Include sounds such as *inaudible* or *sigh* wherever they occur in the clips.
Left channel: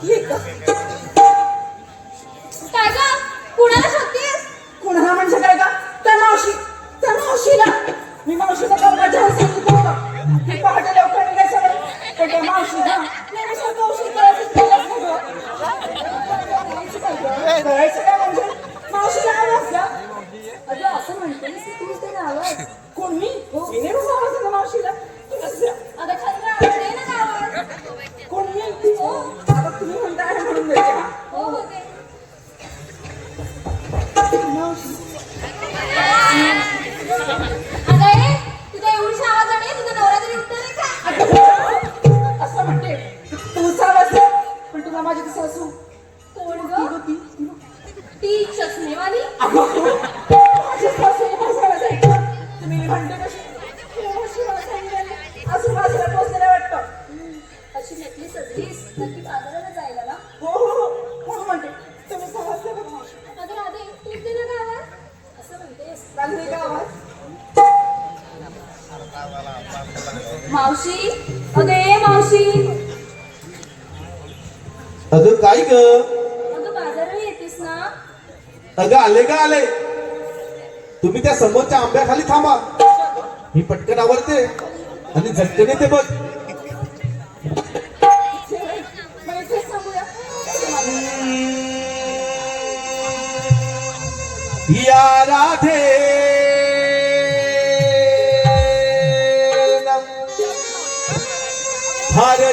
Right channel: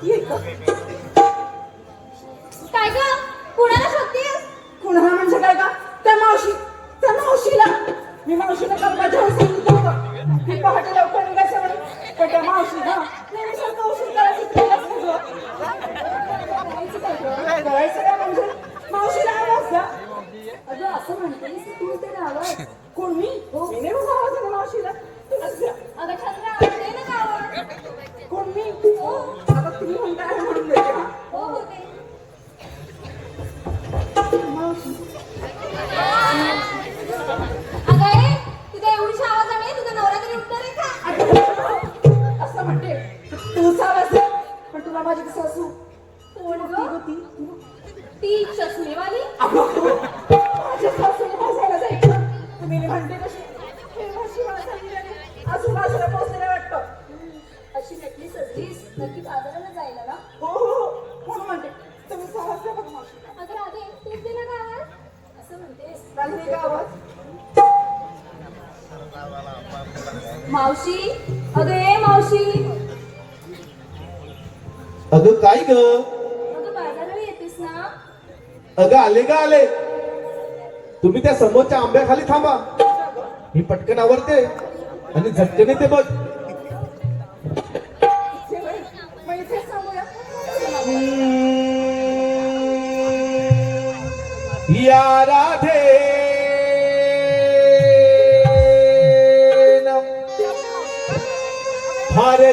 কি कोण गं? ती चष्मेवाली? *laughs* अशी नेकलेस सजलीस नक्की बाजाराला जायला ना? अगं राधे तूच दे ना गावात असं म्हणतेस. मावशी? अगं मावशी. अगं काय ग? अगं आले का आले? तुम्ही त्या समोरच्या आंब्याखाली थांबा. मी पटकन आवडते आणि झटकेने ते बघ. या राधे. हर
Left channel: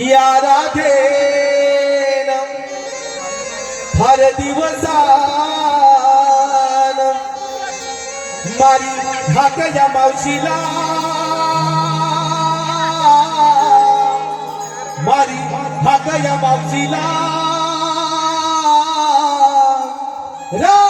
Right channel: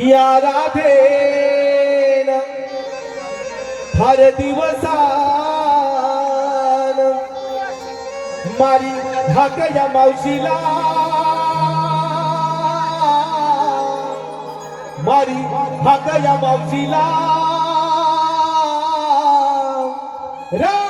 या राधेन हर दिवसान मारी धाक या मावशीला. मारी धाक या मावशीला. रा